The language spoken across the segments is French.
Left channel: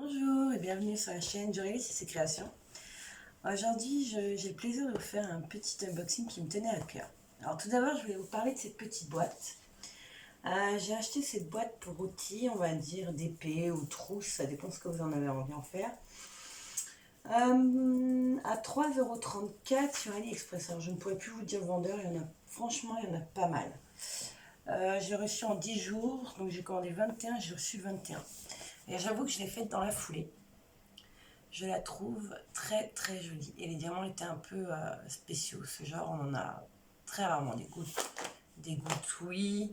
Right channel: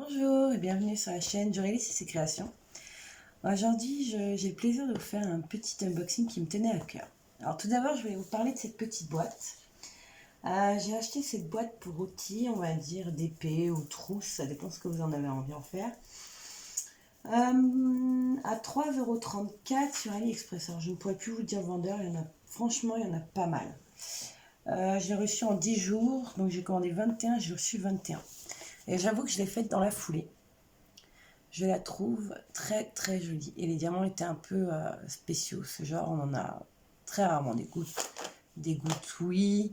Bonjour et bienvenue sur la chaîne Jorélis et ses créations. Aujourd'hui, j'ai le plaisir de vous faire un petit unboxing qui me tenait à cœur. Alors tout d'abord, je vais vous parler de cette petite boîte. J'ai acheté cette boîte pour outils, on va dire d'épée ou trousse, ça dépend ce que vous en avez envie d'en faire. À 3,34 € sur AliExpress. Alors je ne pourrais plus vous dire vendeur, franchement, il y en a pas mal. J'ai reçu en 10 jours, donc j'ai commandé 21, j'ai reçu 21. Et j'avoue que je l'ai faite dans la foulée. Je la trouve très très jolie. Et les diamants étaient un peu spéciaux. Ce genre, on en a très rarement des gouttes, oui.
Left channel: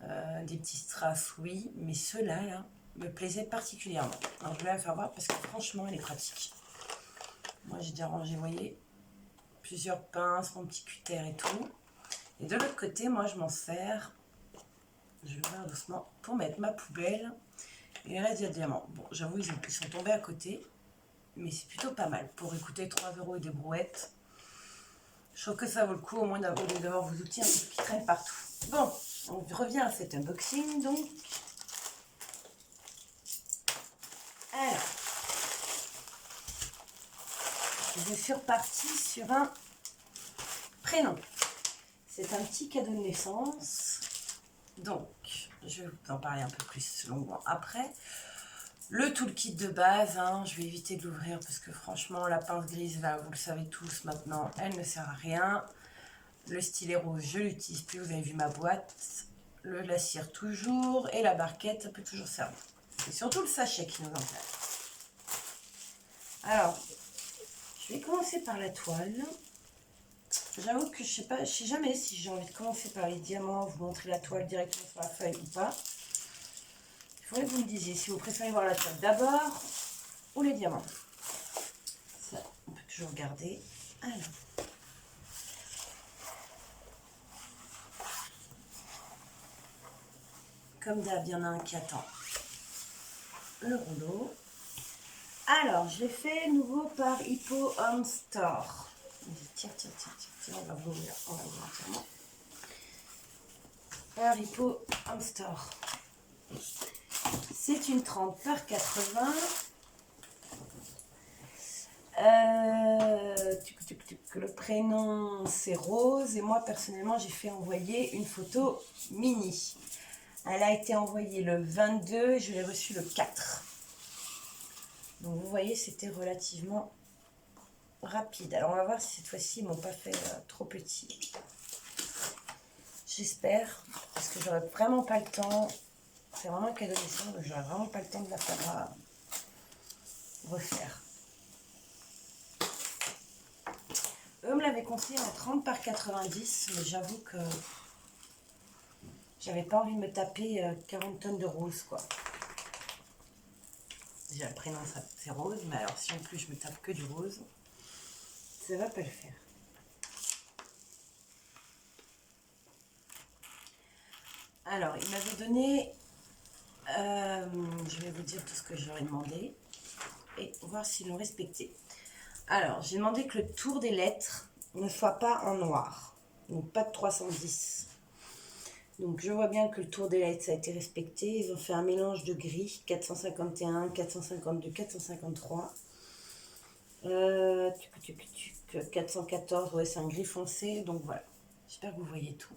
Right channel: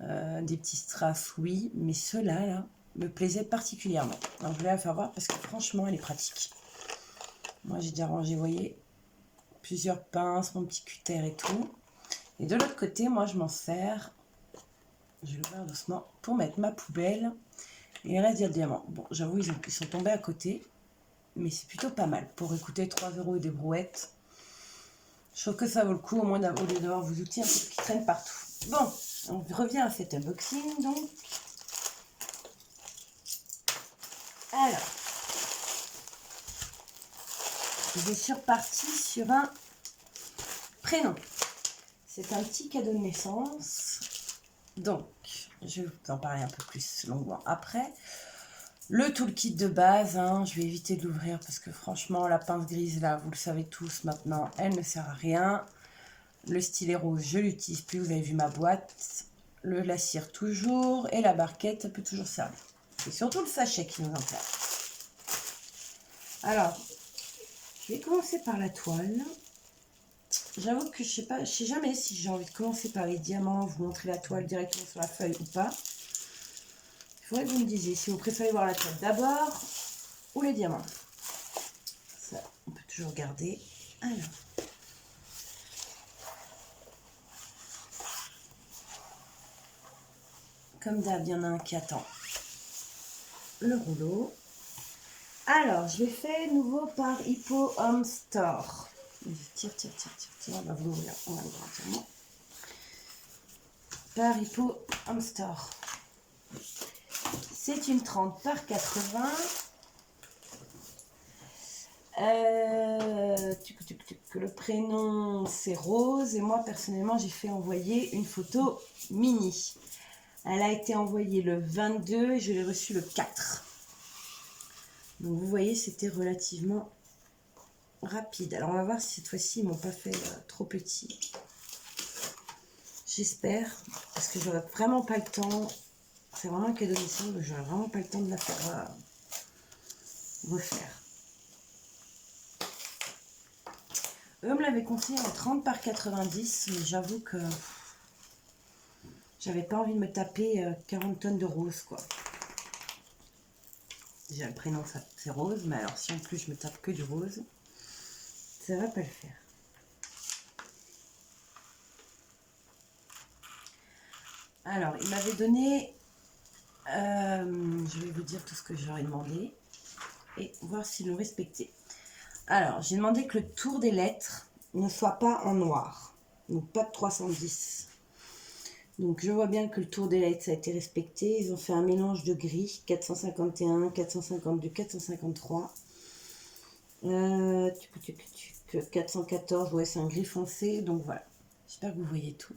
Des petits strass, oui. Mais ceux-là, là, me plaisaient particulièrement. Alors, je voulais la faire voir parce que franchement, elle est pratique. Moi, j'ai déjà rangé, vous voyez, plusieurs pinces, mon petit cutter et tout. Et de l'autre côté, moi, je m'en sers, je vais le voir doucement, pour mettre ma poubelle et les restes de diamants. Bon, j'avoue, ils sont tombés à côté. Mais c'est plutôt pas mal. Pour écouter 3 € et des brouettes, je trouve que ça vaut le coup, au moins au lieu d'avoir vos outils un peu qui traînent partout. Bon, on revient à cet unboxing donc. Alors, je suis repartie sur un prénom. C'est un petit cadeau de naissance. Donc, je vais vous en parler un peu plus longuement après. Le toolkit de base, hein, je vais éviter de l'ouvrir parce que franchement, la pince grise, là, vous le savez tous maintenant, elle ne sert à rien. Le stylet rose, je l'utilise plus, vous avez vu ma boîte. La cire toujours, et la barquette, ça peut toujours servir. C'est surtout le sachet qui nous intéresse. Alors, je vais commencer par la toile. J'avoue que je sais jamais si j'ai envie de commencer par les diamants, vous montrer la toile directement sur la feuille ou pas. Il faudrait que vous me disiez si vous préférez voir la toile d'abord ou les diamants. Ça, on peut toujours regarder. Alors. Comme d'hab, il y en a un qui attend le rouleau. Alors, je l'ai fait nouveau par Hippo Home Store. Tiens, on va vous ouvrir entièrement. Par Hippo Home Store. C'est une 30 par 80. Le prénom c'est Rose et moi personnellement j'ai fait envoyer une photo mini. Elle a été envoyée le 22 et je l'ai reçue le 4. Donc vous voyez c'était relativement rapide. Alors on va voir si cette fois-ci ils m'ont pas fait trop petit. J'espère parce que j'aurais vraiment pas le temps. C'est vraiment un cadeau de naissance, donc j'aurais vraiment pas le temps de la faire refaire. Eux me l'avaient conseillé à 30 par 90, mais j'avoue que j'avais pas envie de me taper 40 tonnes de rose, quoi. Déjà le prénom c'est Rose, mais alors si en plus je me tape que du rose, ça va pas le faire. Alors, il m'avait donné, je vais vous dire tout ce que j'aurais demandé et voir s'il le respectait. Alors, j'ai demandé que le tour des lettres ne soit pas en noir, donc pas de 310. Donc je vois bien que le tour des lettres ça a été respecté. Ils ont fait un mélange de gris, 451, 452, 453. 414, ouais c'est un gris foncé, donc voilà. J'espère que vous voyez tout.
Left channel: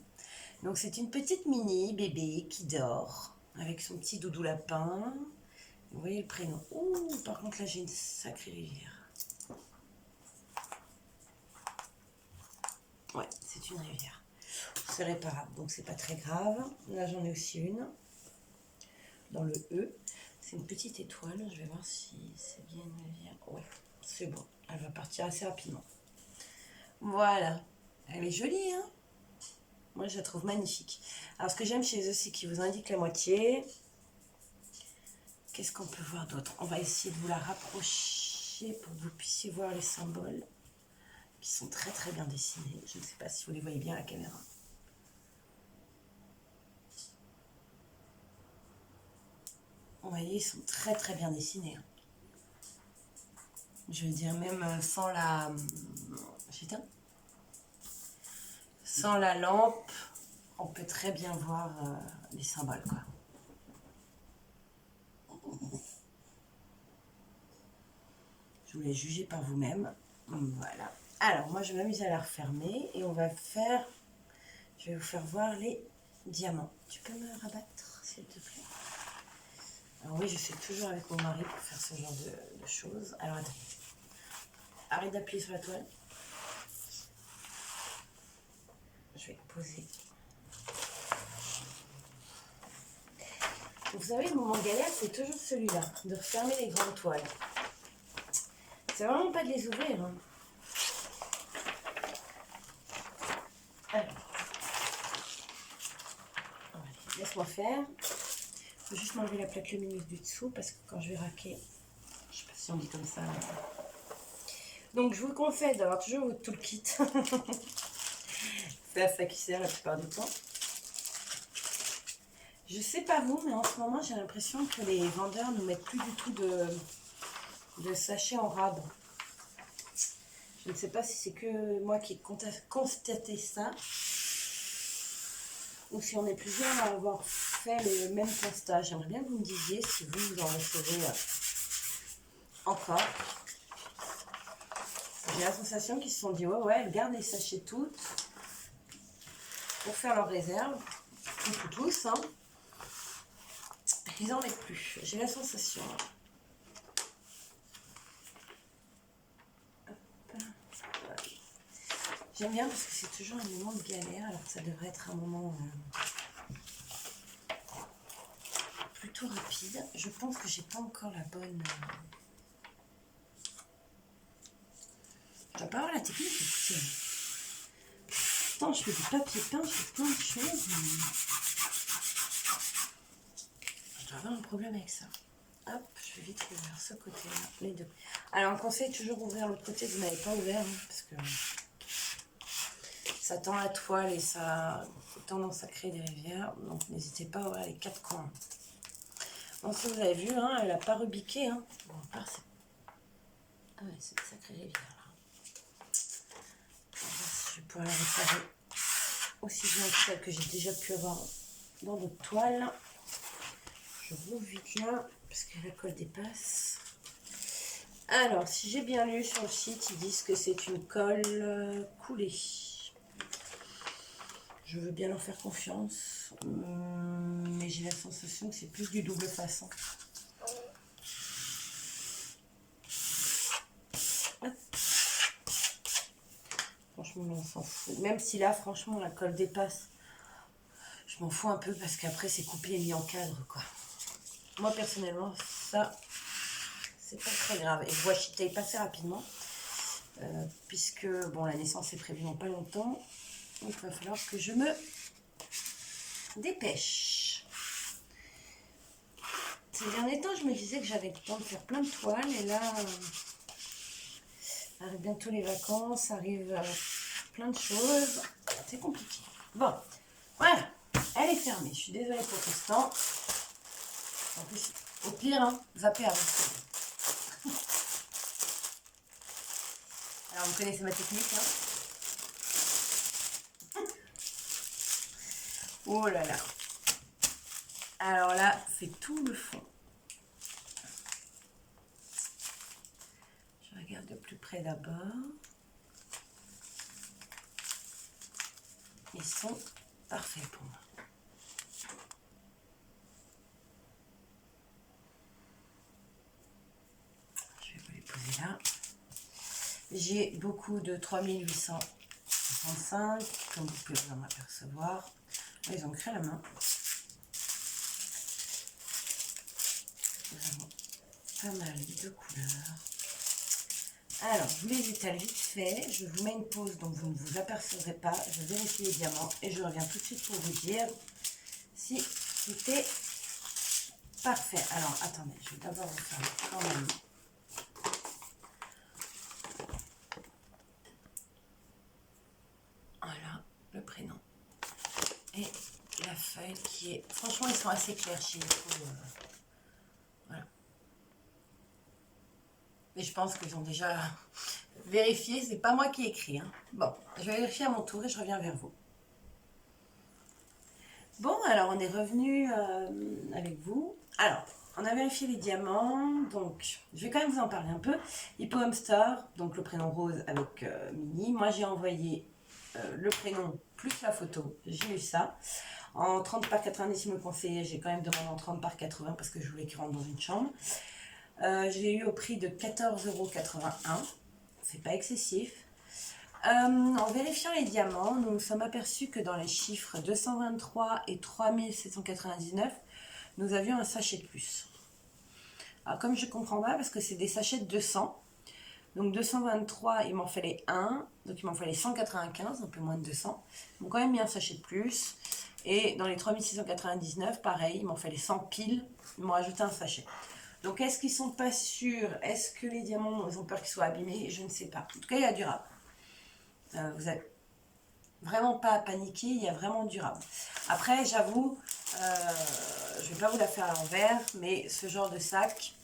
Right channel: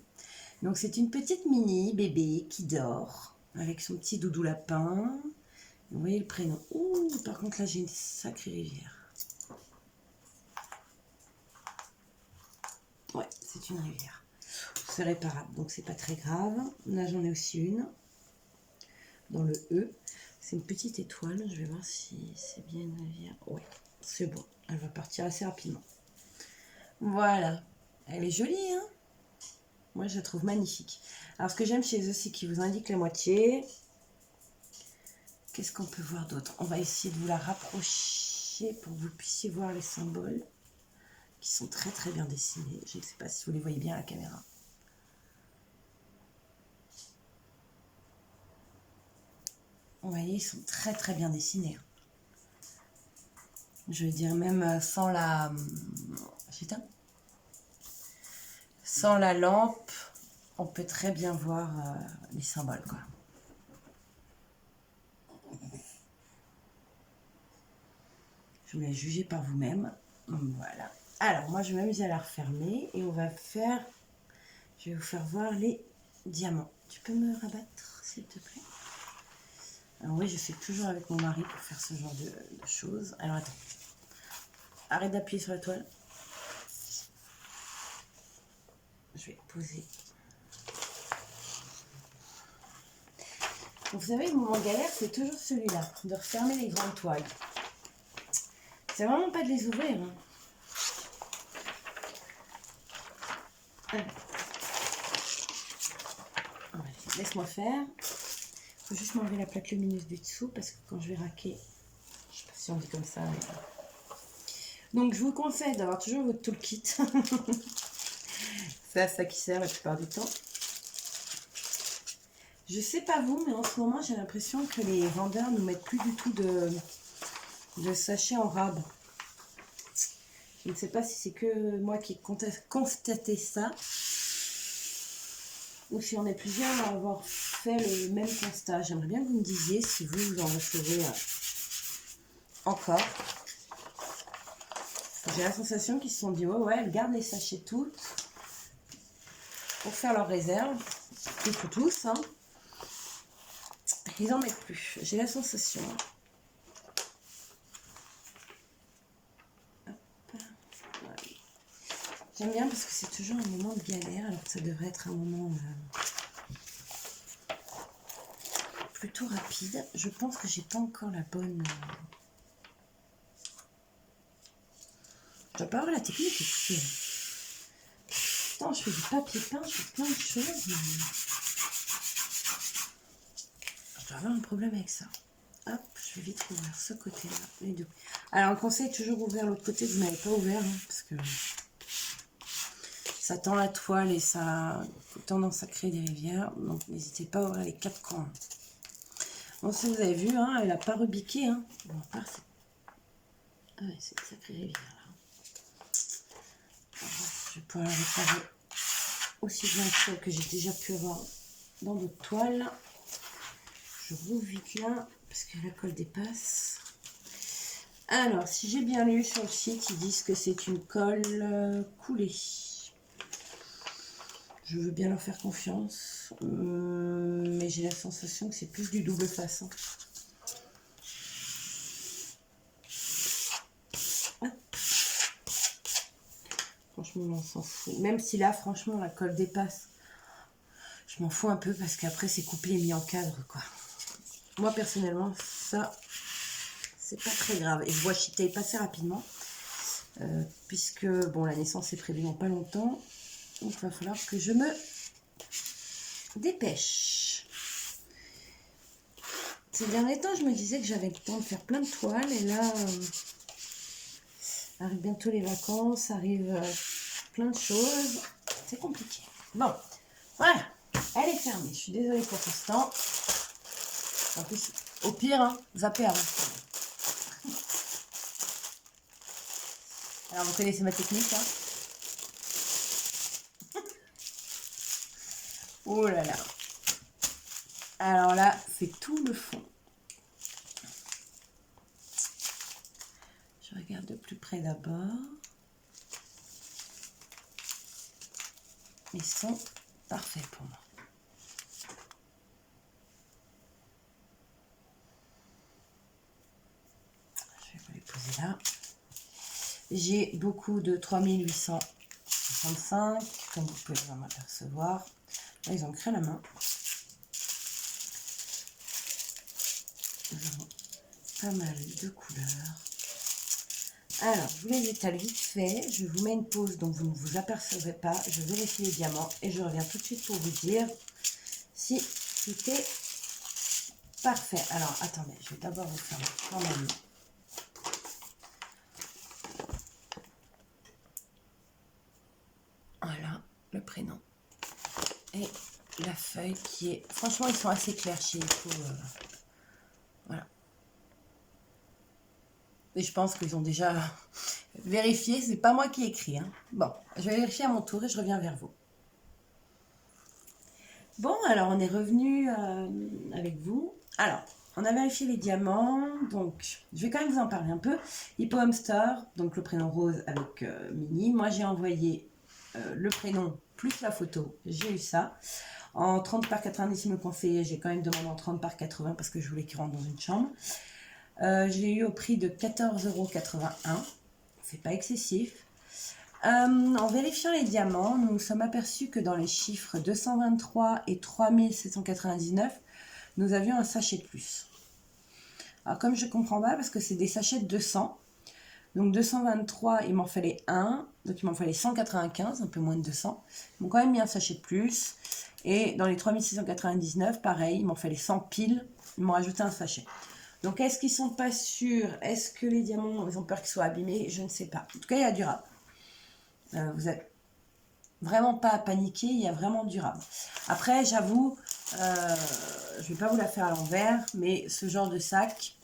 Donc c'est une petite mini bébé qui dort avec son petit doudou lapin. Vous voyez le prénom. Ouh, par contre là j'ai une sacrée rivière. Ouais, c'est une rivière. C'est réparable, donc c'est pas très grave. Là j'en ai aussi une dans le E. C'est une petite étoile. Je vais voir si c'est bien une rivière. Ouais, c'est bon. Elle va partir assez rapidement. Voilà. Elle est jolie, hein? Moi, je la trouve magnifique. Alors, ce que j'aime chez eux, c'est qu'ils vous indiquent la moitié. Qu'est-ce qu'on peut voir d'autre? On va essayer de vous la rapprocher pour que vous puissiez voir les symboles qui sont très très bien dessinés. Je ne sais pas si vous les voyez bien à la caméra. Vous voyez, ils sont très très bien dessinés. Je veux dire, même sans la... Sans la lampe, on peut très bien voir les symboles, quoi. Je vous laisse juger par vous-même. Voilà. Alors, moi, je vais m'amuser à la refermer et on va faire... Je vais vous faire voir les diamants. Tu peux me rabattre, s'il te plaît? Alors oui, je suis toujours avec mon mari pour faire ce genre de choses. Alors, attends. Arrête d'appuyer sur la toile. Je vais poser. Vous savez, le moment galère, c'est toujours celui-là, de refermer les grandes toiles. C'est vraiment pas de les ouvrir. Hein. Alors. Allez, laisse-moi faire. Il faut juste m'enlever la plaque lumineuse du dessous parce que quand je vais raquer, je sais pas si on dit comme ça. Donc je vous conseille d'avoir toujours votre toolkit. C'est à ça qui sert la plupart du temps. Je sais pas vous, mais en ce moment j'ai l'impression que les vendeurs ne mettent plus du tout de sachets en rab. Je ne sais pas si c'est que moi qui ai constaté ça, ou si on est plusieurs à avoir fait le même constat. J'aimerais bien que vous me disiez si vous en recevez encore. J'ai la sensation qu'ils se sont dit ouais, elles gardent les sachets toutes pour faire leur réserve. Tous, hein. Ils en mettent plus. J'ai la sensation. Voilà. J'aime bien parce que c'est toujours un moment de galère alors que ça devrait être un moment plutôt rapide. Je pense que j'ai pas encore la bonne... Je dois pas avoir la technique. Écoutez. Putain, je fais du papier peint, je fais plein de choses. Mais... je dois avoir un problème avec ça. Hop, je vais vite ouvrir ce côté-là, les deux. Alors, un conseil, toujours ouvrir l'autre côté que vous n'avez pas ouvert, hein, parce que ça tend la toile et ça a tendance à créer des rivières. Donc, n'hésitez pas à ouvrir les quatre coins. Bon, si vous avez vu, hein, elle n'a pas rebiqué. Hein. Bon, à part, c'est... ah ouais, c'est une sacrée rivière, là. Je vais pouvoir la réparer aussi bien que celle que j'ai déjà pu avoir dans d'autres toiles. Je rouvre vite là, parce que la colle dépasse. Alors, si j'ai bien lu sur le site, ils disent que c'est une colle coulée. Je veux bien leur faire confiance, mais j'ai la sensation que c'est plus du double face. Hein. Franchement, on s'en fout. Même si là, franchement, la colle dépasse, je m'en fous un peu parce qu'après, c'est coupé et mis en cadre, quoi. Moi, personnellement, ça, c'est pas très grave. Et je vois Chitape passer rapidement, puisque, bon, la naissance est prévue dans pas longtemps. Donc, il va falloir que je me dépêche. Ces derniers temps, je me disais que j'avais le temps de faire plein de toiles. Et là, arrive bientôt les vacances, arrive plein de choses. C'est compliqué. Bon, voilà. Elle est fermée. Je suis désolée pour tout ce temps. En plus, au pire, hein, zapper avant. Alors, vous connaissez ma technique, hein. Oh là là. Alors là, c'est tout le fond. Je regarde de plus près d'abord. Ils sont parfaits pour moi. Je vais vous les poser là. J'ai beaucoup de 3865, comme vous pouvez vraiment apercevoir. Ils ont créé la main. Nous avons pas mal de couleurs. Alors, je vous les étale vite fait. Je vous mets une pause, donc vous ne vous apercevrez pas. Je vérifie les diamants et je reviens tout de suite pour vous dire si tout est parfait. Alors, attendez, je vais d'abord vous faire le format. Voilà, le prénom. Et la feuille qui est... franchement, ils sont assez clairs chez les fous. Voilà. Et je pense qu'ils ont déjà vérifié. C'est pas moi qui ai écrit. Hein. Bon, je vais vérifier à mon tour et je reviens vers vous. Bon, alors on est revenu avec vous. Alors, on a vérifié les diamants, donc je vais quand même vous en parler un peu. Hippo Hamster, donc le prénom Rose avec Mini. Moi j'ai envoyé le prénom plus la photo, j'ai eu ça. En 30 par 90, il me conseillait, j'ai quand même demandé en 30 par 80 parce que je voulais qu'il rentre dans une chambre. Je l'ai eu au prix de 14,81 €, c'est pas excessif. En vérifiant les diamants, nous nous sommes aperçus que dans les chiffres 223 et 3799, nous avions un sachet de plus. Alors comme je comprends pas, parce que c'est des sachets de 200, donc 223, il m'en fallait un, donc il m'en fallait 195, un peu moins de 200. Ils m'ont quand même mis un sachet de plus. Et dans les 3699, pareil, il m'en fallait 100 piles, ils m'ont rajouté un sachet. Donc est-ce qu'ils sont pas sûrs? Est-ce que les diamants, ils ont peur qu'ils soient abîmés? Je ne sais pas. En tout cas, il y a du rab. Vous n'avez vraiment pas à paniquer, il y a vraiment du rab. Après, j'avoue, je ne vais pas vous la faire à l'envers, mais ce genre de sac,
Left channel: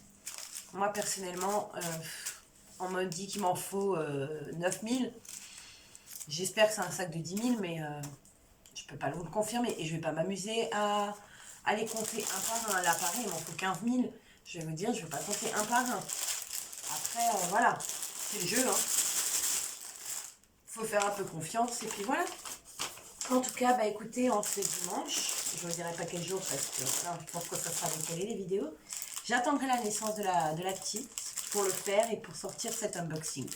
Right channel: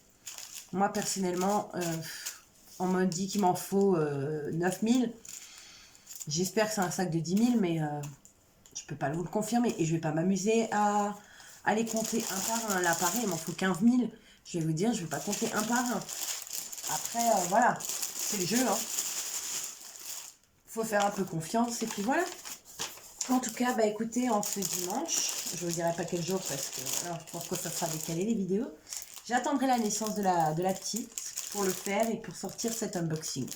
moi personnellement, on me dit qu'il m'en faut 9000. J'espère que c'est un sac de 10 000, mais je ne peux pas vous le confirmer. Et je ne vais pas m'amuser à les compter un par un. Là, pareil, il m'en faut 15 000. Je vais vous dire, je ne vais pas compter un par un. Après, voilà, c'est le jeu, hein. Faut faire un peu confiance et puis voilà. En tout cas, bah écoutez, en ce dimanche, je ne vous dirai pas quel jour parce que alors, je pense que ça sera décalé les vidéos. J'attendrai la naissance de la petite pour le faire et pour sortir cet unboxing.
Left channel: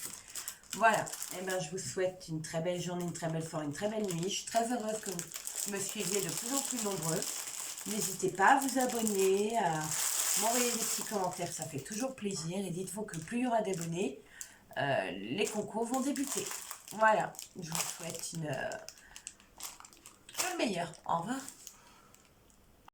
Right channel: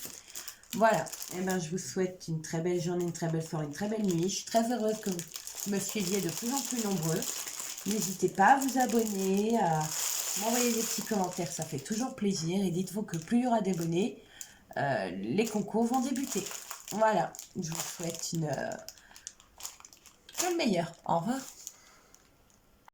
Voilà, et ben je vous souhaite une très belle journée, une très belle soirée, une très belle nuit. Je suis très heureuse que vous me suiviez de plus en plus nombreux. N'hésitez pas à vous abonner, à m'envoyer des petits commentaires, ça fait toujours plaisir. Et dites-vous que plus il y aura d'abonnés, les concours vont débuter. Voilà, je vous souhaite une meilleure. Au revoir.